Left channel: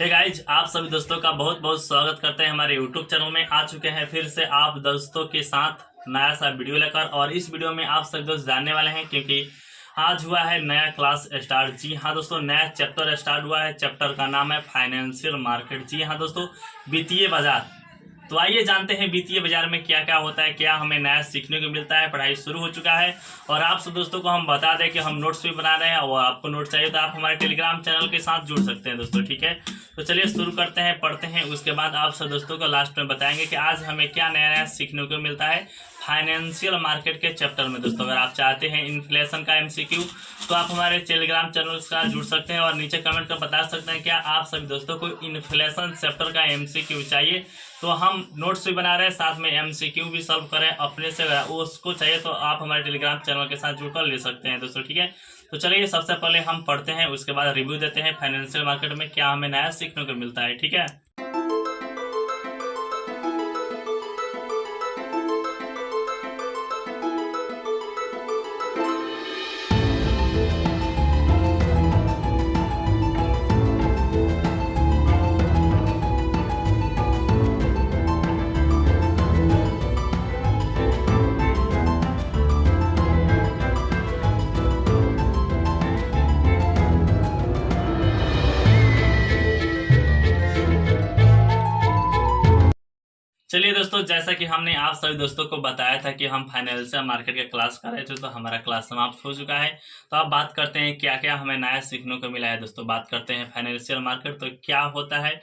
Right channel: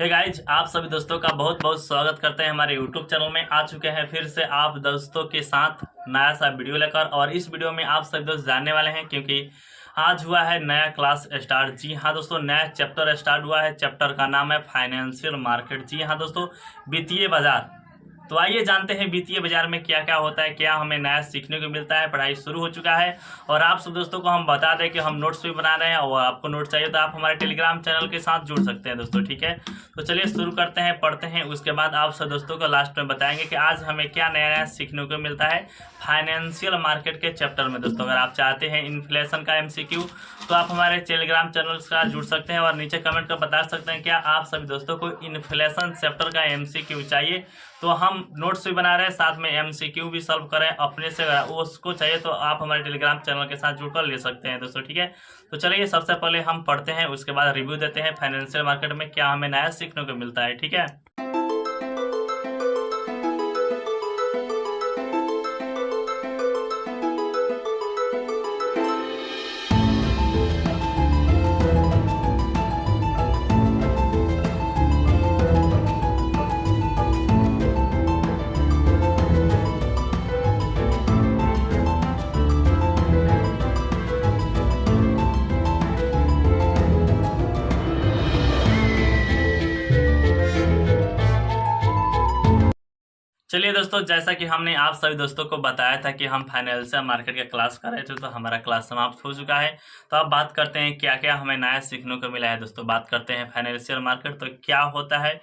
Hey guys, आप सभी दोस्तों का बहुत बहुत स्वागत करते हैं हमारे यूट्यूब चैनल में। आ चुके हैं फिर से आप दोस्तों के साथ नया सा वीडियो लेकर। और इस वीडियो में आप सभी दोस्त जानने वाले हैं क्योंकि आज हुआ है नया क्लास स्टार्ट। जी हाँ दोस्तों, नया चैप्टर स्टार्ट हुआ है। चैप्टर का नाम है फाइनेंशियल मार्केट। जी हाँ दोस्तों, वित्तीय बाजार। तो आइए जानते हैं वित्तीय बाजार में क्या क्या होता है, क्या हमें नया सीखने को मिलता है। पढ़ाई शुरू हो चुका है और आप सब दोस्तों को हम बता दें कि हम नोट्स भी बना रहे हैं और आपको नोट्स चाहिए तो आप हमारे टेलीग्राम चैनल के साथ जुड़ सकते हैं दोस्तों। ठीक है, तो चलिए शुरू करते हैं, पढ़ते हैं। उसके बाद आप सब दोस्तों को लास्ट में बताएंगे कि आज हमें क्या नया नया सीखने को मिलता है फाइनेंशियल मार्केट के चैप्टर में। दोस्तों अगर आप चाहते हैं इन्फ्लेशन का एमसीक्यू तो आप हमारे टेलीग्राम चैनल से जुड़ सकते हैं और नीचे कमेंट कर बता सकते हैं क्या आप सभी दोस्तों को इन्फ्लेशन चैप्टर का एमसीक्यू चाहिए। तो हम नोट्स भी बना रहे हैं, साथ में एमसीक्यू भी सॉल्व करें अपने से। अगर उसको चाहिए तो आप हमारे टेलीग्राम चैनल के साथ जुड़कर ले सकते हैं दोस्तों। ठीक है, तो चलिए सबसे पहले हम पढ़ते हैं, उसके बाद रिव्यू देते हैं फाइनेंशियल मार्केट में क्या हमें नया सीखने को मिलता है। ठीक है, चलिए दोस्तों, जैसा कि हमने आप सभी दोस्तों को बताया था कि हम फाइनेंशियल मार्केट का क्लास कर रहे थे, तो हमारा क्लास समाप्त हो चुका है। तो अब बात करते हैं क्या क्या हमें नया सीखने को मिला है। दोस्तों बात करते हैं फाइनेंशियल मार्केट। तो क्या होता है,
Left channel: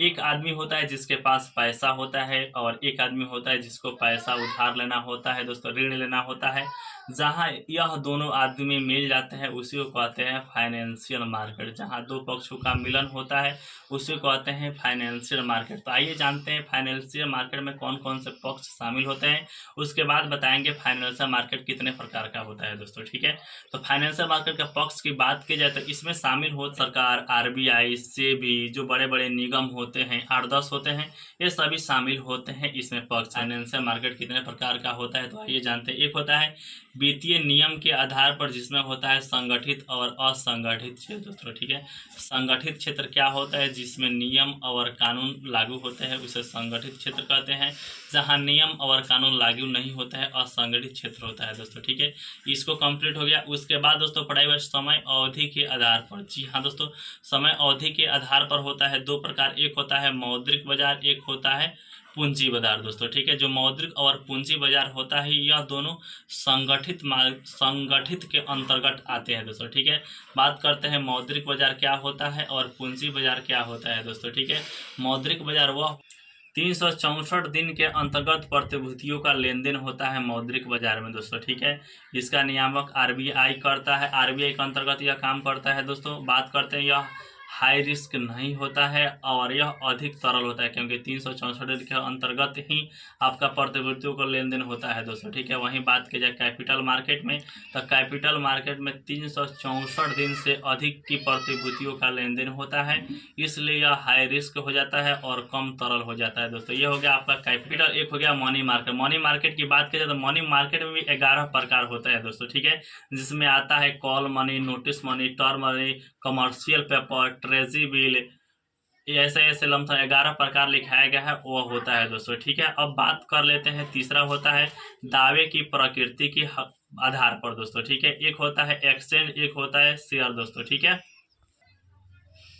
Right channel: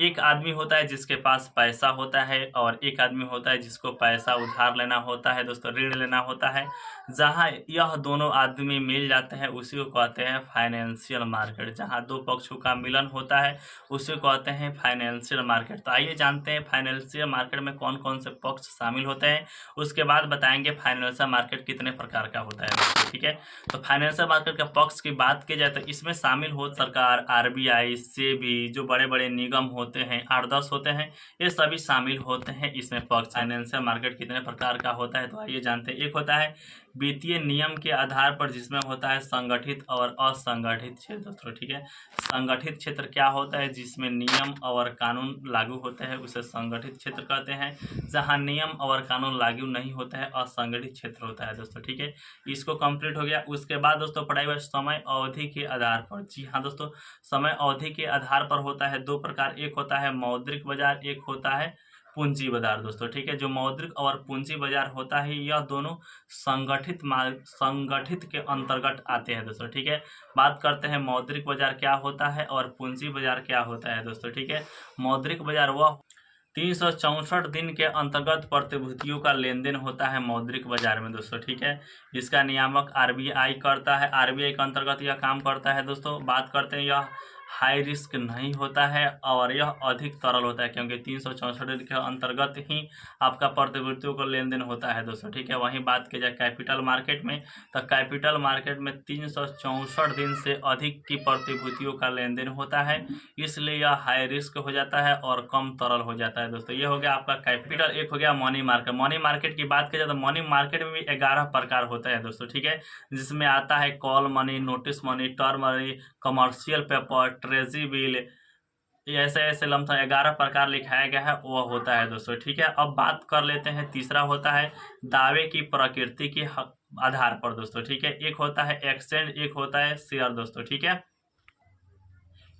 एक आदमी होता है जिसके पास पैसा होता है और एक आदमी होता है जिसको पैसा उधार लेना होता है दोस्तों, ऋण लेना होता है। जहाँ यह दोनों आदमी मिल जाते हैं उसी को कहते हैं फाइनेंशियल मार्केट। जहाँ दो पक्षों का मिलन होता है उसी को कहते हैं फाइनेंशियल मार्केट। तो आइए जानते हैं फाइनेंशियल मार्केट में कौन कौन से पक्ष शामिल होते हैं, उसके बाद बताएंगे फाइनेंशियल मार्केट कितने प्रकार का होता है दोस्तों। ठीक है, तो फाइनेंशियल मार्केट का पक्ष की बात की जाए तो इसमें शामिल हो सरकार, आरबीआई, सेबी, जो बड़े बड़े निगम होते हैं 8-10 होते हैं, ये सभी शामिल होते हैं इसमें पक्ष। फाइनेंशियल मार्केट कितने प्रकार का होता है तो आइए जानते हैं। एक होता है वित्तीय नियम के आधार पर, जिसमें होता है संगठित और असंगठित क्षेत्र दोस्तों। ठीक है, संगठित क्षेत्र क्या होता है, जिसमें नियम और कानून लागू होते हैं उसे संगठित क्षेत्र कहते हैं। जहां नियम और कानून लागू नहीं होता है असंगठित क्षेत्र होता है दोस्तों। ठीक है, इसको कंप्लीट हो गया। उसके बाद दोस्तों पढ़ाई हुआ समय अवधि के आधार पर। जी हाँ दोस्तों, समय अवधि के आधार पर होता है दो प्रकार, एक होता है मौद्रिक बाजार, एक होता है पूंजी बाजार दोस्तों। ठीक है, जो मौद्रिक और पूंजी बाजार होता है यह दोनों संगठित के अंतर्गत आते हैं दोस्तों। ठीक है, बात करते हैं मौद्रिक बाजार क्या होता है और पूंजी बाजार क्या होता है दोस्तों। ठीक है, मौद्रिक बाजार वह 364 दिन के अंतर्गत प्रतिभूतियों का लेन देन होता है मौद्रिक बाजार में दोस्तों। ठीक है, इसका नियामक आरबीआई करता है, आरबीआई के अंतर्गत यह काम करता है दोस्तों। बात करते हैं यह हाई रिस्क नहीं होता है और यह अधिक तरल होता है क्योंकि 364 दिन के अंतर्गत ही आपका प्रतिभूतियों का लेन देन होता है दोस्तों। ठीक है, वहीं बात की जाए कैपिटल मार्केट में, तो कैपिटल मार्केट में 364 दिन से अधिक की प्रतिभूतियों का लेन देन होता है, इसलिए यह हाई रिस्क हो जाता है और कम तरल हो जाता है दोस्तों। ये हो गया आपका कैपिटल। एक हो गया मनी मार्केट। मनी मार्केट की बात की जाए तो मनी मार्केट में भी 11 प्रकार होता है दोस्तों। ठीक है, जिसमें आता है call money, notice money, term money, commercial paper, treasury bill, ऐसे ऐसे लमसम 11 प्रकार लिखाया गया है वह होता है दोस्तों। ठीक है, अब बात कर लेते हैं तीसरा होता है दावे की प्रकृति के आधार पर दोस्तों। ठीक है, एक होता है एक्सचेंज, एक होता है शेयर दोस्तों। ठीक है,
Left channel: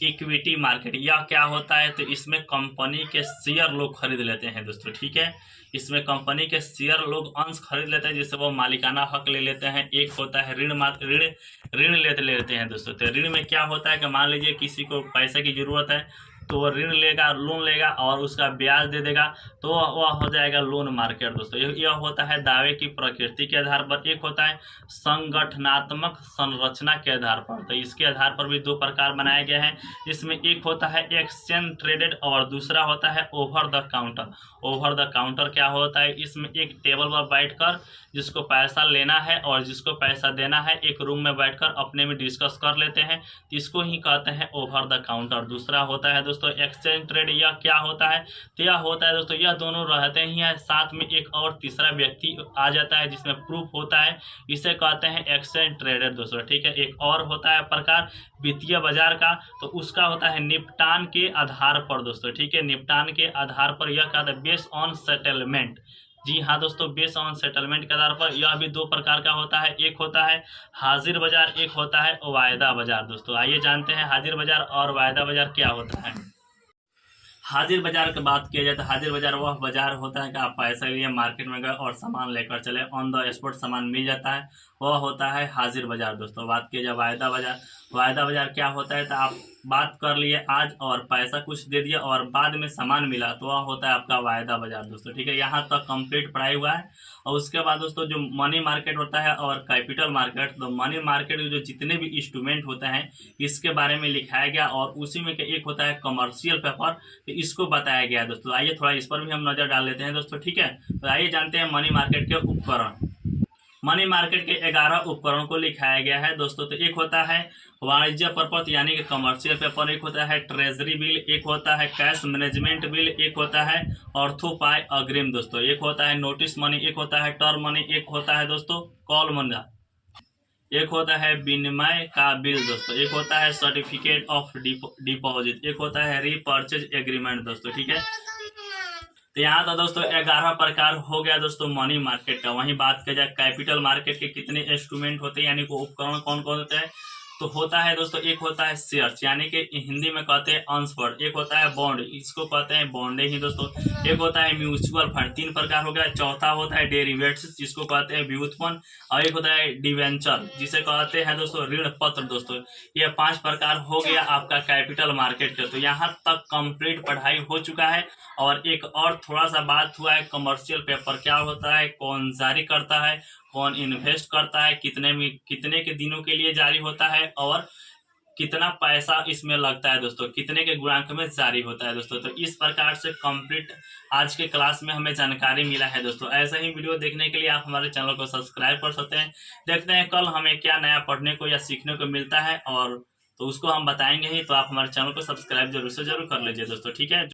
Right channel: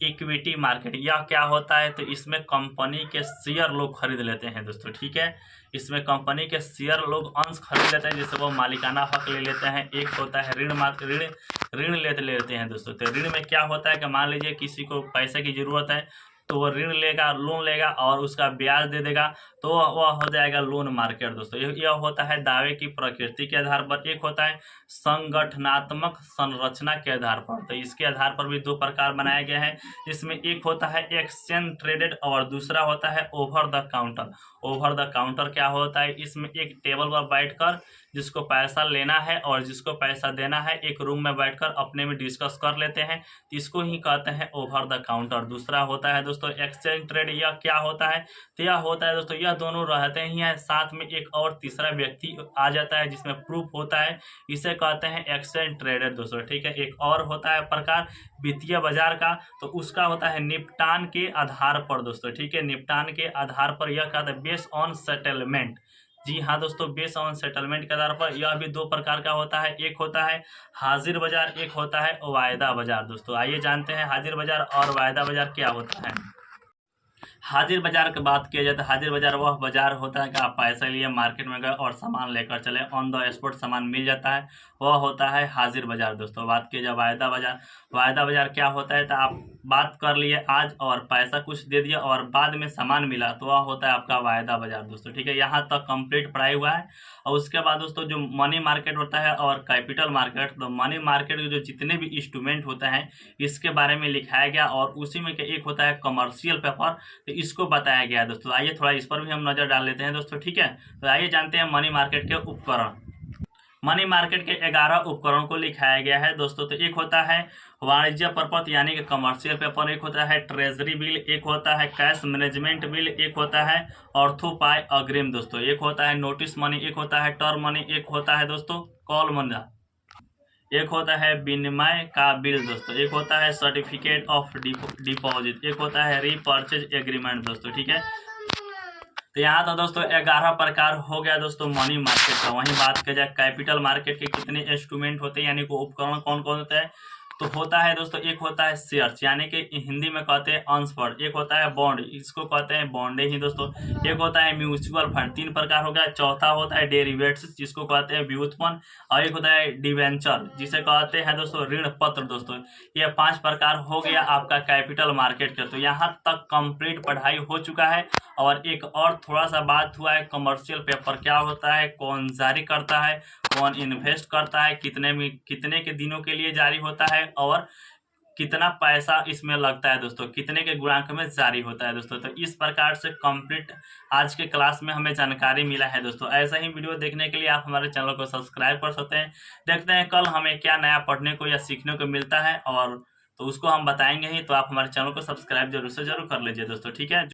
इक्विटी मार्केट यह क्या होता है, तो इसमें कंपनी के शेयर लोग खरीद लेते हैं दोस्तों। ठीक है, इसमें कंपनी के शेयर लोग अंश खरीद लेते हैं जिससे वो मालिकाना हक ले लेते हैं। एक होता है ऋण लेते हैं दोस्तों। तो ऋण में क्या होता है कि मान लीजिए किसी को पैसे की जरूरत है तो वो ऋण लेगा, लोन लेगा और उसका ब्याज दे देगा, तो वह हो जाएगा लोन मार्केट दोस्तों। यह होता है दावे की प्रकृति के आधार पर। एक होता है संगठनात्मक संरचना के आधार पर, तो इसके आधार पर भी दो प्रकार बनाए गए हैं। इसमें एक होता है एक्सचेंज ट्रेडेड और दूसरा होता है over the counter. Over the counter क्या होता है, इसमें एक टेबल पर बैठकर जिसको पैसा लेना है और जिसको पैसा देना है एक रूम में बैठकर अपने में डिस्कस कर लेते हैं, इसको ही कहते हैं ओवर द काउंटर। दूसरा होता है दोस्तों एक्सचेंज ट्रेड। यह क्या होता है, तो यह होता है दोस्तों यह दोनों रहते ही हैं, साथ में एक और तीसरा व्यक्ति आ जाता है जिसमें प्रूफ होता है, इसे कहते हैं एक्सचेंज ट्रेडर दोस्तों। ठीक है, एक और होता है प्रकार वित्तीय बाजार का, तो उसका होता है निपटान के आधार पर दोस्तों, ठीक है, निपटान के आधार पर यह कहता है बेस ऑन सेटलमेंट। जी हाँ दोस्तों, बेस ऑन सेटलमेंट के आधार पर यह भी दो प्रकार का होता है, एक होता है हाजिर बाजार, एक होता है वायदा बाजार। दोस्तों आइए जानते हैं हाजिर बाजार और वायदा बाजार क्या होता है। हाजिर बाजार की बात किया जाए तो हाजिर बाजार वह बाजार होता है कि आप पैसे लिए मार्केट में गए और सामान लेकर चले, ऑन द स्पॉट सामान मिल जाता है, वह होता है हाजिर बाजार। दोस्तों बात किया जाए वायदा बाजार, वायदा बाजार क्या होता है तो आप बात कर लिए आज और पैसा कुछ दे दिया और बाद में सामान मिला, तो वह होता है आपका वायदा बाजार दोस्तों, ठीक है। यहाँ तक कंप्लीट पढ़ाई हुआ है। और उसके बाद दोस्तों जो मनी मार्केट होता है और कैपिटल मार्केट, तो मनी मार्केट जो जितने भी इंस्ट्रूमेंट होते हैं इसके बारे में लिखाया गया, और उसी में एक होता है कमर्शियल पेपर, तो इसको बताया गया है दोस्तों। आइए थोड़ा इस पर भी हम नजर डाल लेते हैं दोस्तों, ठीक है। तो आइए जानते हैं मनी मार्केट के उपकरण। मनी मार्केट के 11 उपकरण को लिखाया गया है दोस्तों। तो एक होता है वाणिज्य प्रपत्र यानी कि कमर्शियल पेपर, एक होता है ट्रेजरी बिल, एक होता है कैश मैनेजमेंट बिल, एक होता है ऑर्थोपाई अग्रिम दोस्तों, एक होता है नोटिस मनी, एक होता है टर्म मनी, एक होता है दोस्तों कॉल मनी, एक होता है विनिमय का बिल दोस्तों, एक होता है सर्टिफिकेट ऑफ डिपॉजिट, एक होता है रीपर्चेज एग्रीमेंट दोस्तों, ठीक है। तो यहाँ तो दोस्तों 11 प्रकार हो गया दोस्तों मनी मार्केट का। वहीं बात की जाए कैपिटल मार्केट के कितने इंस्ट्रूमेंट होते हैं यानी कि उपकरण कौन कौन होते हैं, तो होता है दोस्तों एक होता है शेयर्स यानी कि हिंदी में कहते हैं अंशफंड, एक होता है बॉन्ड, इसको कहते हैं बॉन्डे ही दोस्तों, एक होता है म्यूचुअल फंड, 3 प्रकार हो गया, चौथा होता है डेरिवेटिव्स जिसको कहते हैं व्युत्पन्न, और एक होता है डिवेंचर जिसे कहते हैं दोस्तों ऋण पत्र दोस्तों। ये 5 प्रकार हो गया आपका कैपिटल मार्केट का। तो यहाँ तक कंप्लीट पढ़ाई हो चुका है। और एक और थोड़ा सा बात हुआ है कमर्शियल पेपर क्या होता है, कौन जारी करता है, कौन इन्वेस्ट करता है, कितने के दिनों के लिए जारी होता है, और कितना पैसा इसमें लगता है दोस्तों, कितने के गुणांक में जारी होता है दोस्तों। तो इस प्रकार से कंप्लीट आज के क्लास में हमें जानकारी मिला है दोस्तों। ऐसा ही वीडियो देखने के लिए आप हमारे चैनल को सब्सक्राइब कर सकते हैं। देखते हैं कल हमें क्या नया पढ़ने को या सीखने को मिलता है, और तो उसको हम बताएंगे ही। तो आप हमारे चैनल को सब्सक्राइब जरूर से जरूर कर लीजिए दोस्तों, ठीक है।